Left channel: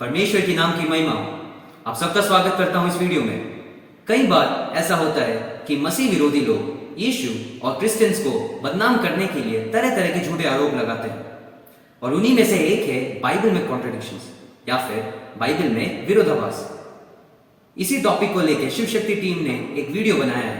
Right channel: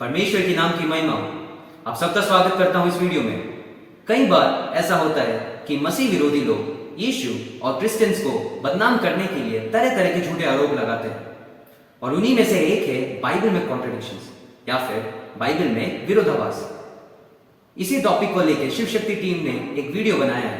परमेश्वर के नाम की महिमा। आप सबका स्वागत करता हूं इस वीडियो में। कई बार ऐसा होता है कि मसीह विरोधी लोग यीशु और क्रिश्चियंस को बदनाम करने के लिए तरह तरह के झूठे आरोप लगाते हैं, और उन्हीं में से एक है बाइबल में कॉन्ट्रडिक्शंस या फिर बाइबल में विरोधाभास। इसी टॉपिक को लेकर शिव शक्ति टीम ने एक वीडियो बनाया है,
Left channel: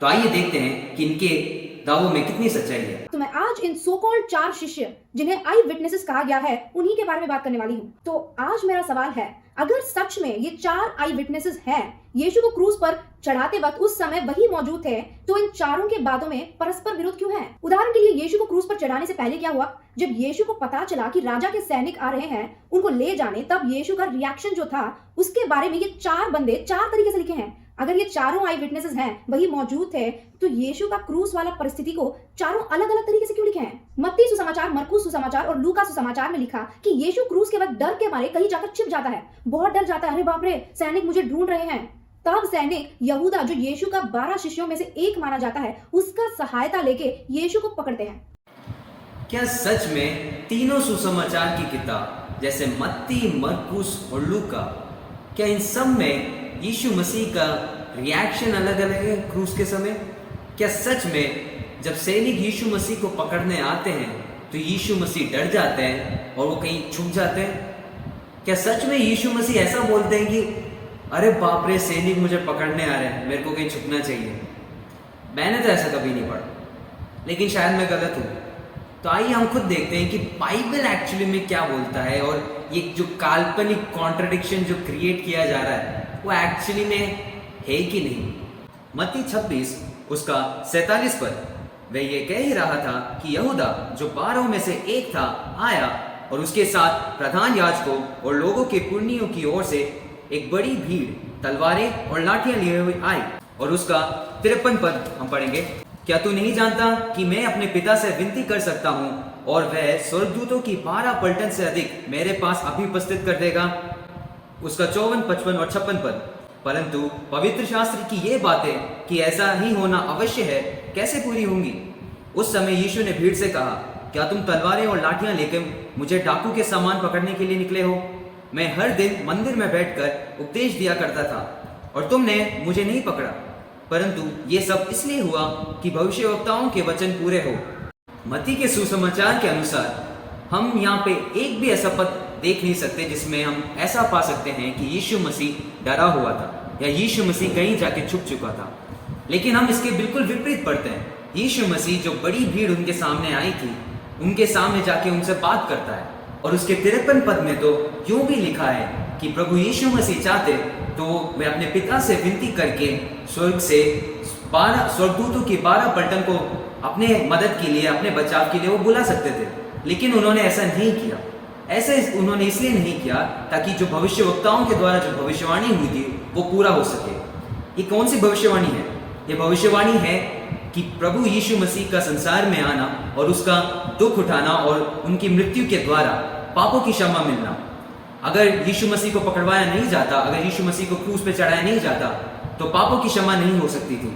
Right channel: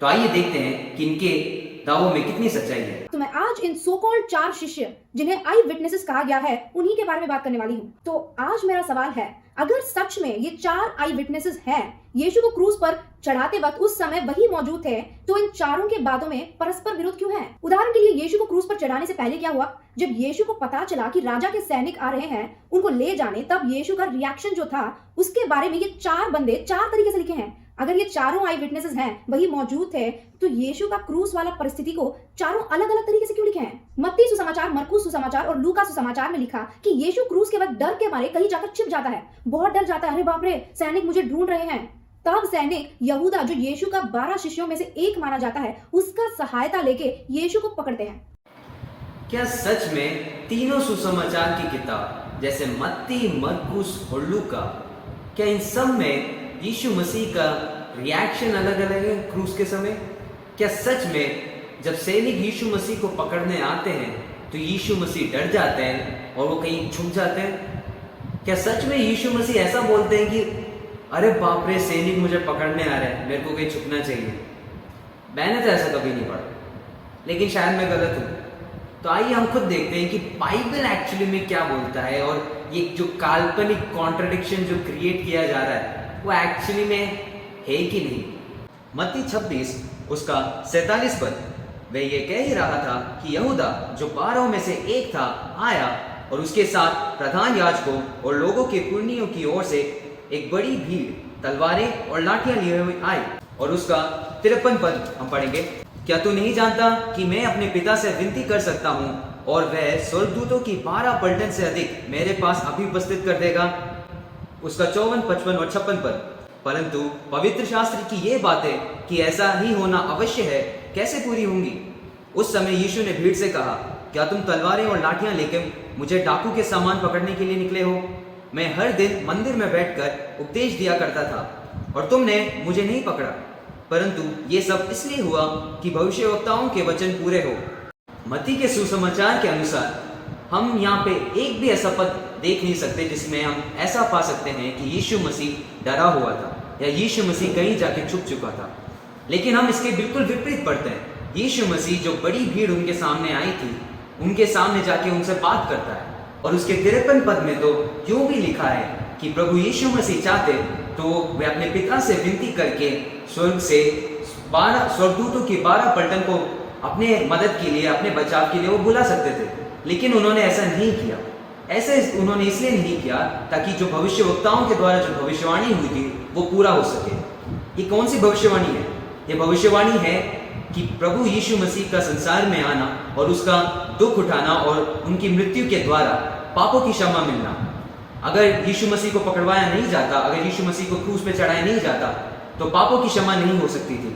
तो आइए देखते हैं कि इनके दावों में कितनी सच्चाई है। तो मैं आज इन सो कॉल्ड 4 शिष्य जिन्हें आई विटनेसेस कहा गया है उन्हीं के बारे में बात करने वाली हूँ। तो आज मेरा सवाल है, अगर सच में ये 4 आई विटनेसेस हैं, यीशु को क्रूस पर चढ़ाते वक्त उस समय वही मौजूद थे, तो इन चारों के बातों में परस्पर विरोध क्यों है? उदाहरण के लिए यीशु को क्रूस पर चढ़ाने से पहले क्या हुआ? जब यीशु को पता चला कि राजा के सैनिक आ रहे हैं उनको ले जाने, तब यीशु का रिएक्शन जो था उसके बारे में ये 4 बंदे 4 तरीके से लिखे हैं। अगर ये चारों आई विटनेसेस हैं, वही मौजूद थे, तो यीशु का क्रूस वाला परिस्थिति को चारों अलग अलग तरीके से क्यों लिखे हैं? मत्ती सुसमाचार, मरकुस सुसमाचार और लूका सुसमाचार में लिखा कि यीशु क्रूस के वक्त डर के मारे कहीं जाकर छिप जाता है, बहुत डर जाता है, अरे बाप रे सैनिक मुझे ढूंढ रहे हैं। तब सैनिक यहूदा, जो यीशु का 12 शिष्यों में से एक माना जाता है, उसका सहायता लेके यीशु को पकड़ते हैं। क्या सच में तीनों सुसमाचार की किताब जैसे मत्ती, मरकुस और लूका, क्या इन सब में यीशु मसीह का रिएक्शन अलग अलग है क्रूस के समय? क्या सच में जब सैनिक यीशु मसीह को पकड़ने आते हैं तो यीशु मसीह डर जाते हैं और वो कहीं छुप जाते हैं? क्या सच में यीशु मसीह ऐसा बोलते हैं कि अरे बाप रे सैनिक मुझे पकड़ने आ रहे हैं, मेरे को कहीं छुपना चाहिए? मैंने तो ऐसा कभी नहीं पढ़ा, लेकिन शायद मैं गलत हूँ। तो आइए हम खुद देखते हैं कि बाइबल एक्चुअली में क्या बोलता है, और ये जो काल्पनिक कॉन्ट्रडिक्शन जो क्रिएट किया जा रहा है वो एक्चुअली में है कि नहीं। मत्ती 26 उसका 47 पद, वह ये कह ही रहा था कि यहूदा जो 12 में से एक था आया, और उसके साथ प्रधान याजकों और लोगों के पुण्यों की ओर से एक बड़ी भीड़ तलवारें और लाठियां लिए हुए आई। और उसका 53 पद हम पढ़ेंगे, क्या तू नहीं जानता कि मैं अपने पिता से विनती कर सकता हूँ और वह स्वर्गदूतों की 12 पलटन से अधिक मेरे पास अभी उपस्थित कर देगा? उसका 54, 55 और 56 पद, परंतु पवित्र शास्त्र की ये बातें कि ऐसा ही होना अवश्य है कैसे पूरी होंगी? उस समय यीशु ने भीड़ से कहा, क्या तुम तलवारें और लाठियां लेके मुझे डाकू के सामान पकड़ने के लिए निकले हो? मैं हर दिन मंदिर में बैठकर उपदेश दिया करता था और तुमने मुझे नहीं पकड़ा, परंतु ये सब इसलिए हुआ कि भविष्यवक्ताओं के वचन पूरे हो। मत्ती के सुसमाचार के अनुसार हम यहाँ पे एक भी ऐसा पद देख नहीं सकते जिसमें हम ऐसा पा सकते हैं कि यीशु मसीह डरा हुआ था या यीशु मसीह कहीं जाके छुप चुका था। लेकिन हम इसके बिल्कुल विपरीत पढ़ते हैं। यीशु मसीह जो बड़ी भीड़ उनके सामने आई थी, उनके सामने जाके उनसे बात करता है, और उसके 53 पद में तो यूं भी लिखा है कि प्रभु यीशु मसीह चाहते तो वे अपने पिता से विनती करके स्वर्ग से 12 स्वर्गदूतों की 12 पलटन को अपने मदद के लिए, अपने बचाव के लिए वो बुला सकते थे, लेकिन उन्होंने ऐसा नहीं किया। ऐसे उन्होंने इसलिए नहीं किया ताकि जो भविष्यवक्ताओं के द्वारा जो भविष्यवाणी हुई थी वो पूरा हो सके। ये कौन सी भविष्यवाणी है? ये भविष्यवाणी है कि प्रभु यीशु मसीह का संसार में आना और उसका दुख उठाना और उनकी मृत्यु के द्वारा पापों की क्षमा मिलना। अगर यीशु मसीह को पकड़वाया नहीं जाता, अगर यीशु मसीह को क्रूस पे चढ़ाया नहीं जाता, तो पापों की क्षमा नहीं हो सकती थी।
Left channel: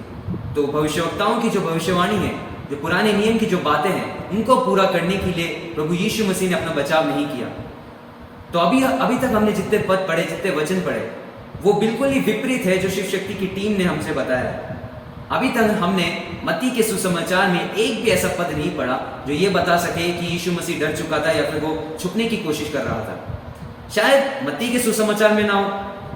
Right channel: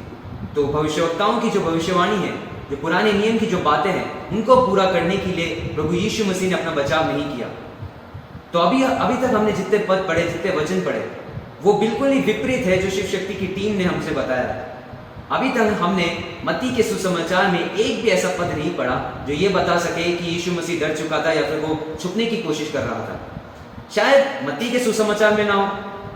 तो भविष्यवक्ताओं की जो भविष्यवाणी है, जो पुराने नियम की जो बातें हैं, उनको पूरा करने के लिए प्रभु यीशु मसीह ने अपना बचाव नहीं किया। तो अभी तक हमने जितने पद पढ़े, जितने वचन पढ़े, वो बिल्कुल ही विपरीत है जो शिव शक्ति की टीम ने हमसे बताया। अभी तक हमने मत्ती के सुसमाचार में एक भी ऐसा पद नहीं पढ़ा जो ये बता सके कि यीशु मसीह डर चुका था या फिर वो छुपने की कोशिश कर रहा था। शायद मत्ती के सुसमाचार में ना हो,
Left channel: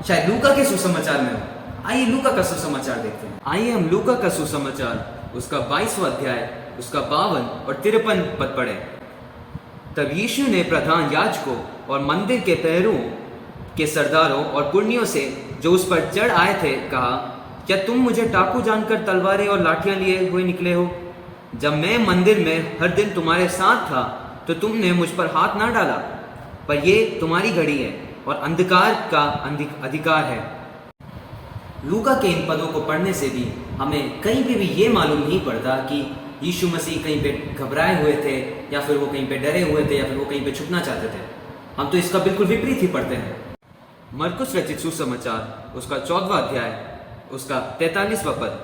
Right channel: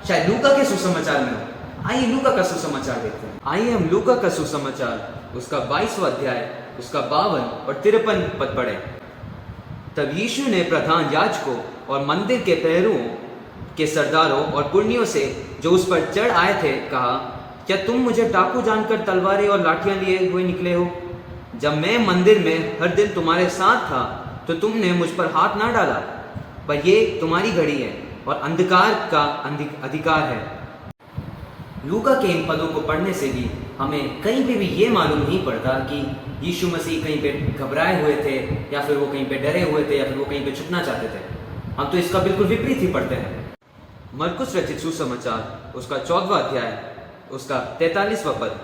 शायद लूका के सुसमाचार में हो। आइए लूका का सुसमाचार देखते हैं। आइए हम लूका का सुसमाचार उसका 22वां अध्याय उसका 52 और 53 पद पढ़े। तब यीशु ने प्रधान याजकों और मंदिर के पैरों के सरदारों और पुण्यों से जो उस पर चढ़ आए थे कहा, क्या तुम मुझे डाकू जानकर तलवारें और लाठियां लिए हुए निकले हो? जब मैं मंदिर में हर दिन तुम्हारे साथ था तो तुमने मुझ पर हाथ ना डाला, पर ये तुम्हारी घड़ी है और अंधकार का अधिकार है। लूका के इन पदों को पढ़ने से भी हमें कहीं भी ये मालूम नहीं पड़ता कि यीशु मसीह कहीं पे घबराए हुए थे या फिर वो कहीं पे डरे हुए थे या फिर वो कहीं पे छुपना चाहते थे। हम तो इसका बिल्कुल विपरीत ही पढ़ते हैं। मरकुस रचित सुसमाचार उसका 4वां अध्याय उसका 43वां पद,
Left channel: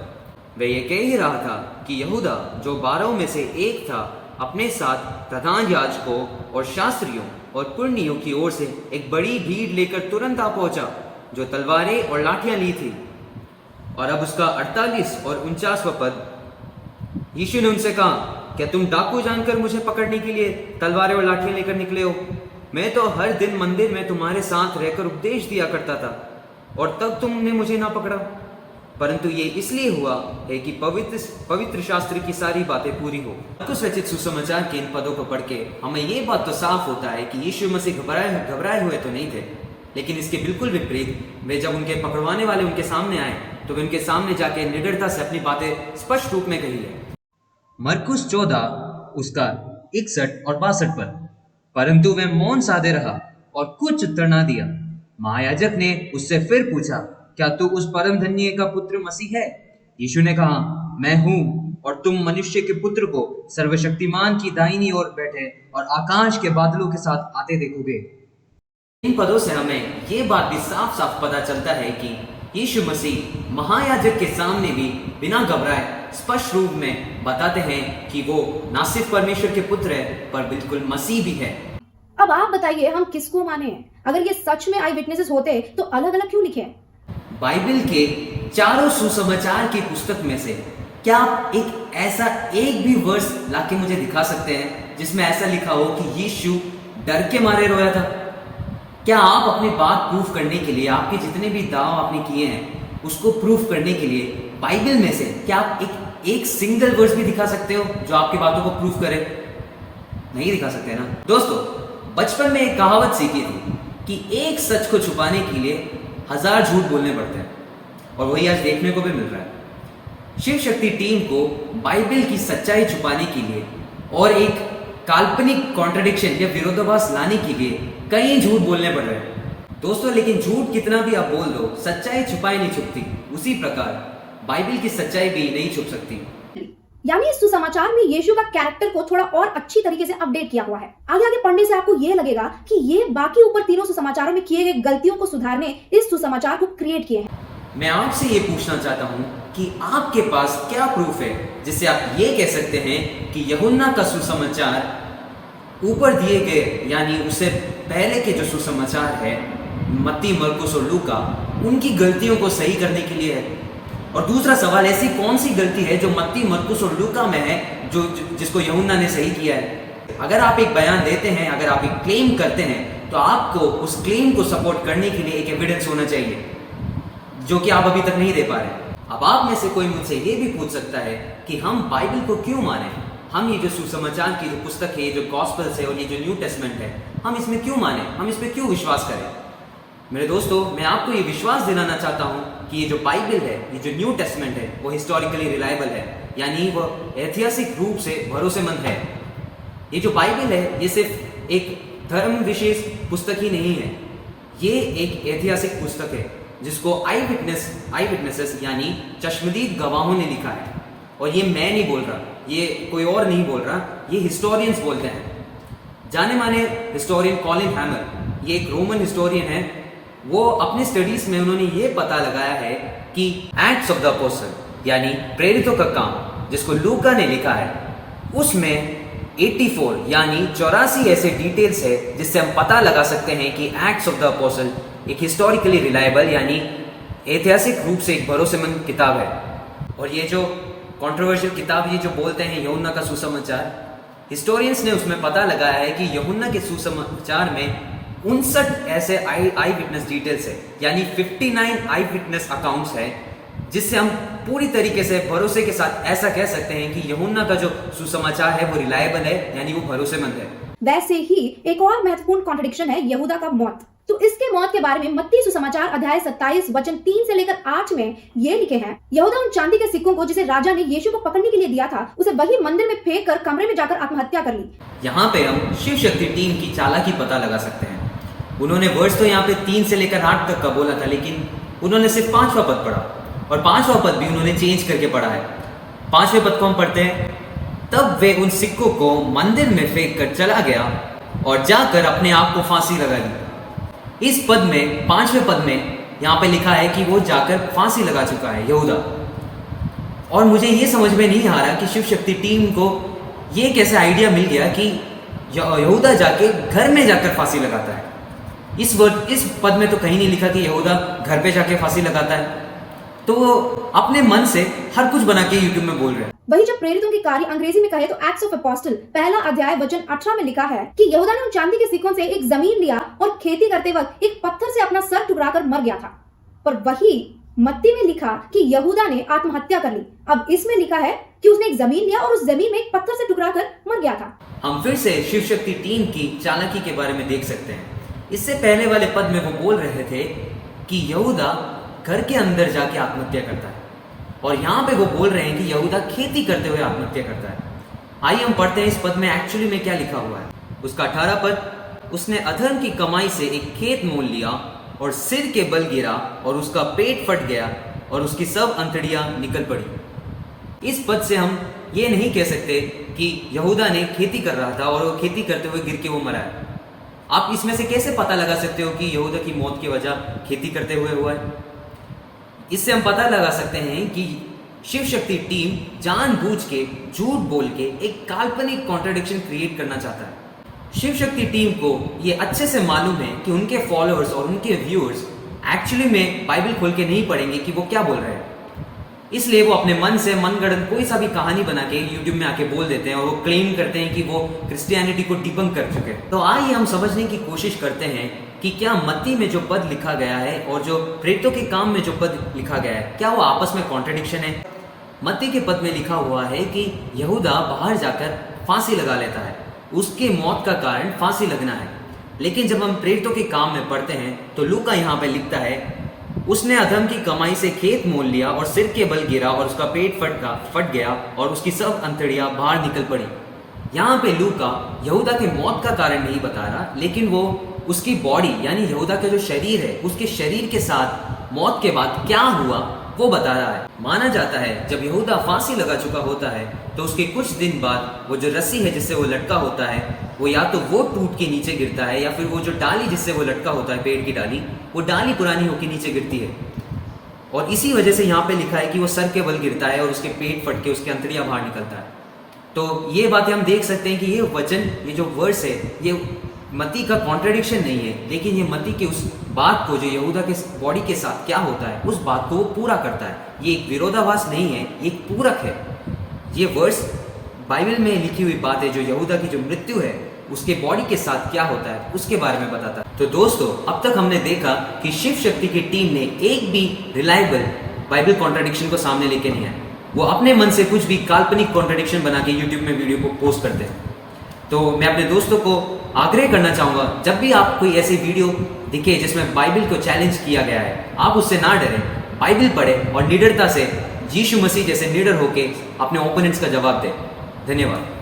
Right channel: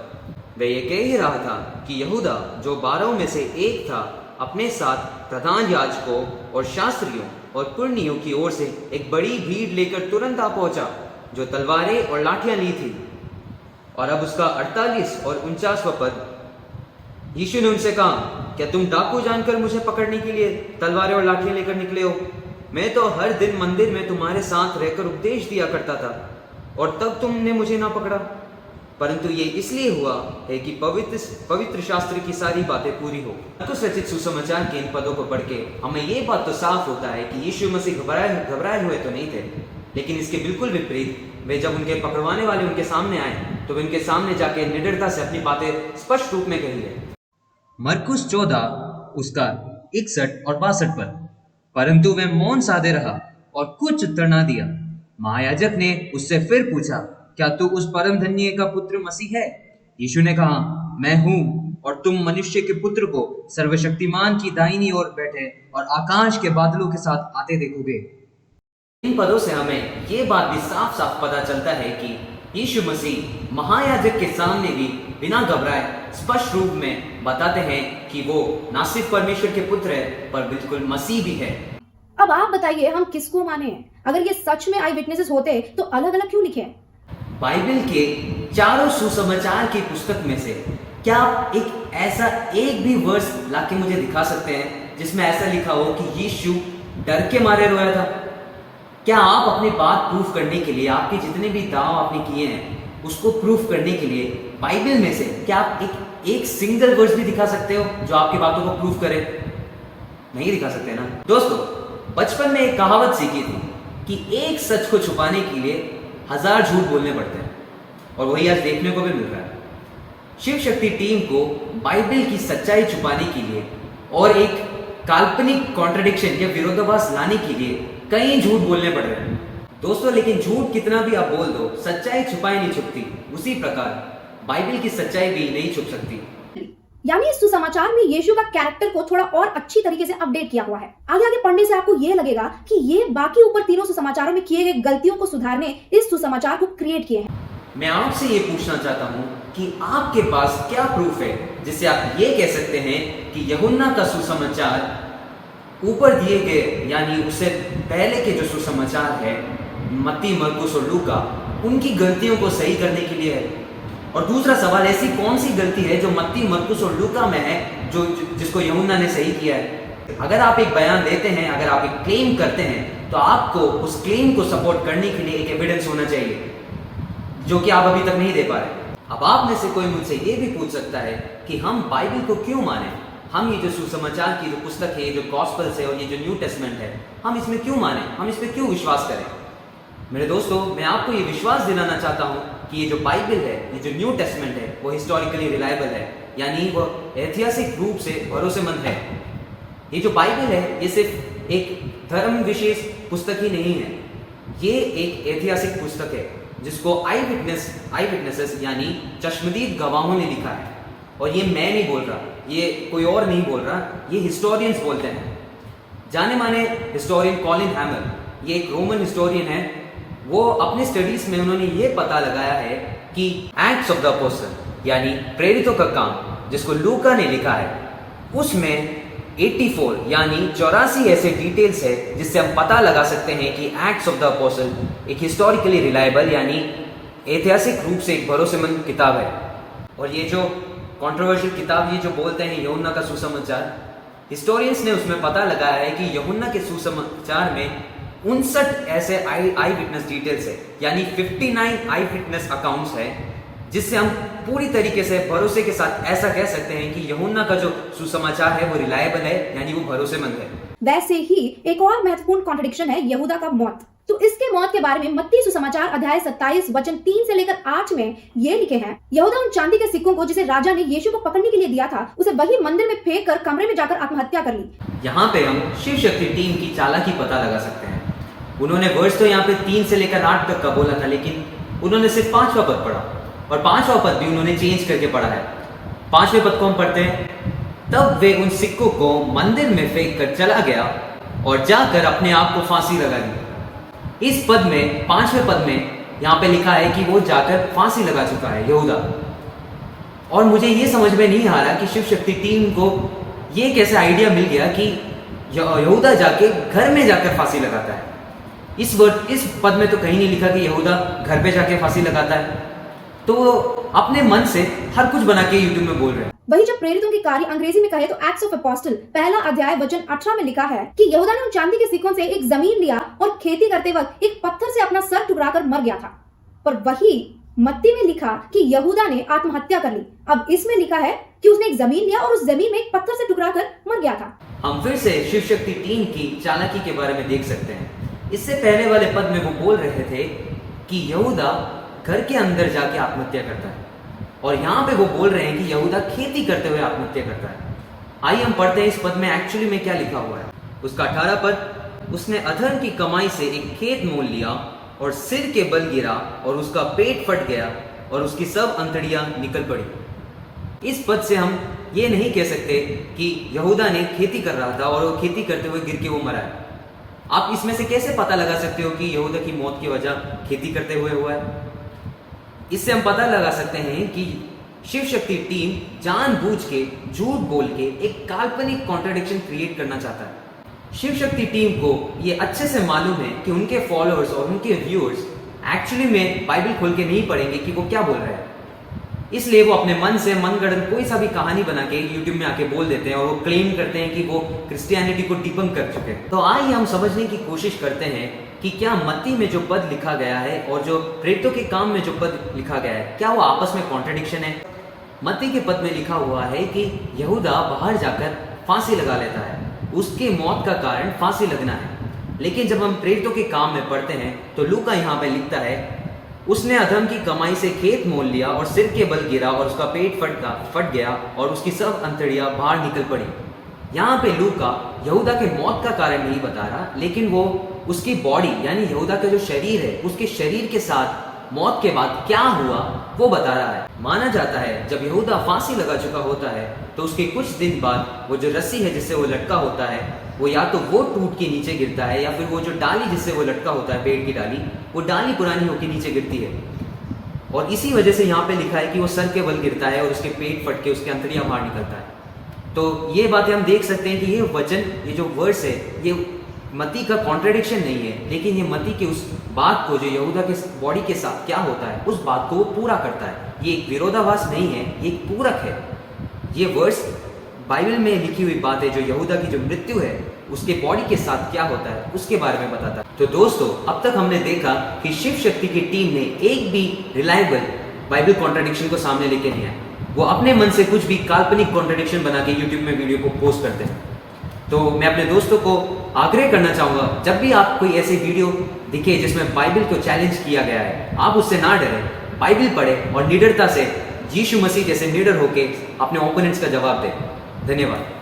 वह ये कह ही रहा था कि यहूदा जो 12 में से एक था अपने साथ प्रधान याजकों और शास्त्रियों और पुर्नियों की ओर से एक बड़ी भीड़ लेकर तुरंत आ पहुंचा, जो तलवारें और लाठियां ली थी। और अब उसका 48 और 49वां पद। यीशु ने उनसे कहा, क्या तुम डाकू जानकर मुझे पकड़ने के लिए तलवारें और लाठियां लेकर निकले हो? मैं तो हर दिन मंदिर में तुम्हारे साथ रहकर उपदेश दिया करता था, और तब तुमने मुझे ना पकड़ा। परंतु ये इसलिए हुआ है कि पवित्र शास्त्र की सारी बातें पूरी हो। मरकुस रचित सुसमाचार के इन पदों को पढ़ के हमें ये बात तो साफ होता है कि यीशु मसीह घबराए हुए तो नहीं थे, लेकिन इसके बिल्कुल विपरीत वे जब उनके पकड़वाने वाले उनके सामने आए तो वे उनके सामने जाके निडरता से अपनी बातें स्पष्ट रूप में कही है। मरकुस 14 उसका 61 और 62 पर। परंतु वह मौन साधे रहा और कुछ उत्तर ना दिया। महायाजक ने उससे फिर पूछा, क्या तू उस परम धन्य का पुत्र मसीह है? यीशु ने कहा, मैं हूँ, और तुम मनुष्य के पुत्र को सर्वशक्तिमान की दाहिनी ओर बैठे और आकाश के बादलों के साथ आते देखोगे। इन पदों से हमें ये बात भी साफ साफ पता चलता है कि यीशु मसीह महायाजक के सामने भी बिना घबराए स्पष्ट रूप में बताते हैं कि वो ना सिर्फ परमेश्वर के पुत्र है, पर बिल्कुल मसीह भी है। अब आप बताइए, हम किसको माने? अगर ये सच में आई विटनेसेस होते तो अलग अलग क्यों लिखे? बाइबल के चारों सुसमाचार की पुस्तक में से क्या आप एक भी वर्स लाके मुझे दिखा सकते हैं जिसमें ऐसा लिखा हो कि यीशु डर के मारे रोया था? क्या आप अपनी बात प्रूफ करने के लिए, आपके जितने भी दाव आपने किए हैं उसको प्रूफ करने के लिए बाइबल में से क्या आप एक सिंगल वर्स भी दिखा सकते हो जो आपकी बातों को प्रूफ करे? नहीं दिखा सकते ना। दोस्तों, बचपन में एक कहावत सीखी थी कि एक सच को छुपाने के लिए 1000 झूठ बोलने पड़ते हैं, और वही आज देखने को भी मिल रहा है। शिव शक्ति टीम को बाइबल की सच्चाई छुपाने के लिए और एक काल्पनिक कॉन्ट्रडिक्शन या विरोधाभास लाने के लिए कई झूठ बोलने पड़ रहे हैं। दोस्तों, लेकिन झूठ कितना भी आप बोल दो, सच्चाई छुपाई नहीं छुपती। उसी प्रकार बाइबल की सच्चाई भी नहीं छुप सकती। यानी इस सुसमाचार में यीशु का कैरेक्टर को थोड़ा और अच्छी तरीके से अपडेट किया हुआ है। आगे आगे पढ़ने से आपको ये लगेगा कि ये बाकी ऊपर तीनों सुसमाचारों में किए गए गलतियों को सुधारने इस सुसमाचार को क्रिएट किए हैं। मैं आपसे ये पूछना चाहता हूँ कि आपके पास क्या प्रूफ है जिससे आप ये कह सकते हैं कि यूहन्ना का सुसमाचार ऊपर दिए गए, यानी उससे पहले के जो सुसमाचार है मत्ती, मरकुस और लूका, उनकी गलतियों को सही करने के लिए है? और दूसरा सवाल, ऐसी कौन सी गलती है जो मत्ती, मरकुस और लूका में है जिसको यूहन्ना ने सही किया है? अगर आप एक बयान देते हैं, अगर आप एक क्लेम करते हैं, तो आपको उस क्लेम को सपोर्ट करने के लिए एक एविडेंस होना चाहिए, जो कि आप अभी तक नहीं दे पा रहे। अब आप में से कोई मुझसे ये भी पूछ सकता है कि हम बाइबल को क्यों माने? हम ये जो सुसमाचार की जो पुस्तक है, ये जो गॉस्पेल्स है और ये जो न्यू टेस्टमेंट है, हम इसमें क्यों माने? हम इस पर क्यों विश्वास करें? मेरे दोस्तों, मैं आपको ये विश्वास दिलाना चाहता हूँ कि ये जो बाइबल है, ये जो न्यू टेस्टमेंट है, वो हिस्टोरिकली रिलायबल है, यानी वो ऐतिहासिक रूप से भरोसेमंद है। ये जो बाइबल है, ये सिर्फ एक धर्म विशेष पुस्तक ही नहीं है, ये एक ऐतिहासिक पुस्तक है जिसको आई विटनेसेस यानी चश्मदीद गवाहों ने लिखा है। और ये मैं नहीं बोल रहा, ये कोई और नहीं बोल रहा, ये हिस्टोरियंस बोलते हैं। जाने माने हिस्टोरियन कॉलिन हैमर, ये एक रोमन हिस्टोरियन है। वो अपने स्टडीज में उन्होंने ये पता लगाया है कि एक्ट्स ऑफ द अपोस्टल यानी प्रेरितों का काम, जिसको लूका ने लिखा है, उसमें 84 यानी 84 ऐसे डिटेल्स है जिससे हम पता लगा सकते हैं कि एक्ट्स ऑफ द अपोस्टल एक हिस्टोरिकली रिलायबल यानी ऐतिहासिक रूप से एक भरोसेमंद किताब है। और ये जो कंट्रोवर्शियल किताब, ये जो बोलते हैं यूहन्ना का सुसमाचार, हिस्टोरियंस ने उसमें पता लगाया है कि यूहन्ना के सुसमाचार में 59 ऐसे आई विटनेस डिटेल्स है, यानी 59 आई विटनेस अकाउंट्स है, जिससे हम पूरी तरीके से भरोसे के साथ ऐसा कह सकते हैं कि यूहन्ना का जो सुसमाचार है वो रिलायबल है, यानी वो भरोसेमंद है। वैसे ही एक और महत्वपूर्ण कॉन्ट्रडिक्शन है यहूदा का मौत। तो इसके मौत के बारे में मत्ती सुसमाचार अध्याय 27 वचन 3 से लेकर 8 में ये लिखे हैं, यहूदा उन चांदी के सिक्कों को जिसे राजा ने यीशु को पकड़ने के लिए दिया था, उसे वही मंदिर में फेंक कर कमरे में जाकर आत्महत्या कर ली। यहाँ पे हम शिव शक्ति टीम की चालाकी पता लगा सकते हैं। उन्होंने वर्ष तो यहाँ पे 3 से लेकर 8 तक का बोला था, लेकिन उन्होंने सिर्फ 5वां पद पढ़ा, और 5वां पद भी उन्होंने चेंज करके पढ़ा है। 5वें पद को हम पढ़ते हैं, तब वे उन सिक्कों को मंदिर में फेंक कर चला गया और जाकर अपने आप को फांसी लगा ली। इस पद में, 5वें पद में यहाँ पे लिखा है कि वो जाकर फांसी लगा चुका है यहूदा। और मुझे ये समझ में नहीं आ रहा कि शिव शक्ति टीम को ये कैसा आइडिया मिल गया कि यहूदा जाके घर में जाकर फांसी लगाता है। इस पद में तो कहीं नहीं लिखा कि यहूदा घर पे जाके फांसी लगाता है। तो वो अपने मन से हर कुछ बना के यूट्यूब में बोल रहे हैं। वही जब प्रेरितों की कार्य अंग्रेजी में कहे तो एक्ट्स ऑफ अपोस्टल पहला अध्याय वचन 18 में लिखा है कि यहूदा ने उन चांदी के सिक्कों से एक जमीन लिया और खेती करते वक्त एक पत्थर से अपना सर टुकराकर मर गया था। पर वही मत्ती में लिखा कि यहूदा ने आत्महत्या कर ली। अब इसमें लिखा है कि उसने एक जमीन लिया और उस जमीन में एक पत्थर से टुकराकर मर गया था। हम फिर से शिव शक्ति टीम की चालाकी के बारे में देख सकते हैं। इससे पहले वाले पद में वो बोल रहे थे कि यहूदा घर के अंदर जाके आत्महत्या करता है, और यहाँ पे वो बोल रहे हैं कि यहूदा खेती करते हुए आत्महत्या करता है। आइए हम पढ़ते हैं इस पद में एक्चुअली में क्या लिखा हुआ है। उसका 18 पद, उसने अधर्म की कमाई से एक खेत मोल लिया और सिर के बल गिरा और उसका पेट फट गया और उसकी सब अंतड़ियां निकल पड़ी। इस पद से हम ये नहीं कह सकते कि यहूदा ने खेती कर रहा था और वो खेती करते हुए गिर के वो मरा है। आप इसमें से कैसे पता लगा सकते हो कि यहूदा की मौत की वजह खेती करते हुए हुआ है? इससे हम पता लगा सकते हैं कि शिव शक्ति टीम जानबूझ के झूठ बोल के एक काल्पनिक कॉन्ट्रडिक्शन क्रिएट करना चाहता है। शिव शक्ति टीम को ये अच्छे से मालूम है कि उनके फॉलोअर्स और उनके व्यूअर्स एक्चुअली में बाइबल खोल के नहीं पढ़ेंगे कि वो क्या बोल रहे हैं। इसलिए वो अपने मन से मनगढ़ंत कोई सा भी कहानी बना के यूट्यूब में आके बोल देते हैं और वो क्लेम करते हैं कि वो क्रिश्चियनिटी को डिबंक कर चुके हैं। तो आइए हम समझने की कोशिश करते हैं कि क्या मत्ती में जो पद लिखा गया है और जो प्रेरितों के काम में जो पद लिखा गया है, क्या वो आपस में कॉन्ट्रडिक्शन है? मत्ती के पद में लिखा हुआ है कि यहूदा बाहर जाकर फांसी लगा लेता है, उसके मौत का कारण फांसी लगना है। लेकिन जब हम प्रेरितों के काम में पढ़ते हैं तो लूका यहाँ पे लिखता है, उसने अधर्म की कमाई से खेत मोल लिया और सिर के बल गिरा और उसका पेट फट गया और उसकी सब अंतड़ियां बाहर निकल पड़ी। यहाँ पे लूका यहूदा के मौत का कारण नहीं बता रहा, लेकिन वो उसकी बॉडी यानी यहूदा का जो शरीर है उसके शरीर के साथ मौत के बाद क्या हुआ वो बता रहा है। माना जाता है जब यहूदा फांसी लगा चुका होता है तो उसके कुछ दिन बाद वो जो रस्सी है जिससे वो लटका होता है वो या तो वो टूट के नीचे गिरता है या फिर वो जो डाली जिससे वो लटका होता है, पेड़ की डाली, वो डाली पुरानी होकर नीचे गिरती है। और इसी वजह से यहाँ पे लिखा है कि वो सर के बल गिरता है और उसके पेट फट के उसकी अंतड़ियां बाहर निकलता है। तो ये बातें हम देख सकते हैं कि ये वचन, ये जो वर्स है, ये मत्ती का कॉन्ट्रडिक्शन नहीं है, लेकिन ये मत्ती की उस बात को जो यहूदा के बॉडी के साथ क्या होता है उस बात को वो पूरा करता है। ये एक विरोधाभास नहीं है, ये एक पूरक है। ये वर्स बाइबल में लिखी हुई बात है जो यहूदा की जो मृत्यु है उसके बॉडी के साथ क्या होता है उसके बारे में बताता है। तो दोस्तों, अब तक हमने देखा कि शिव शक्ति की टीम ने एक भी रिलायबल बाइबल कॉन्ट्रडिक्शन को सामने लेके नहीं आया। वो अपने मन से कुछ भी काल्पनिक कॉन्ट्रडिक्शन बना के यूट्यूब में वीडियो को पोस्ट करते हैं। तो मैं अपने दोस्तों को आग्रह करना चाहूंगा, जब भी आप कोई ऐसी वीडियो दिखे जिसमें बाइबल को चैलेंज किया गया है, आप उससे ना डरें, बाइबल पढ़ें और निडरता से यीशु मसीह जैसे लीडर होके अपने ओपोनेंट्स का जवाब दें। धन्यवाद।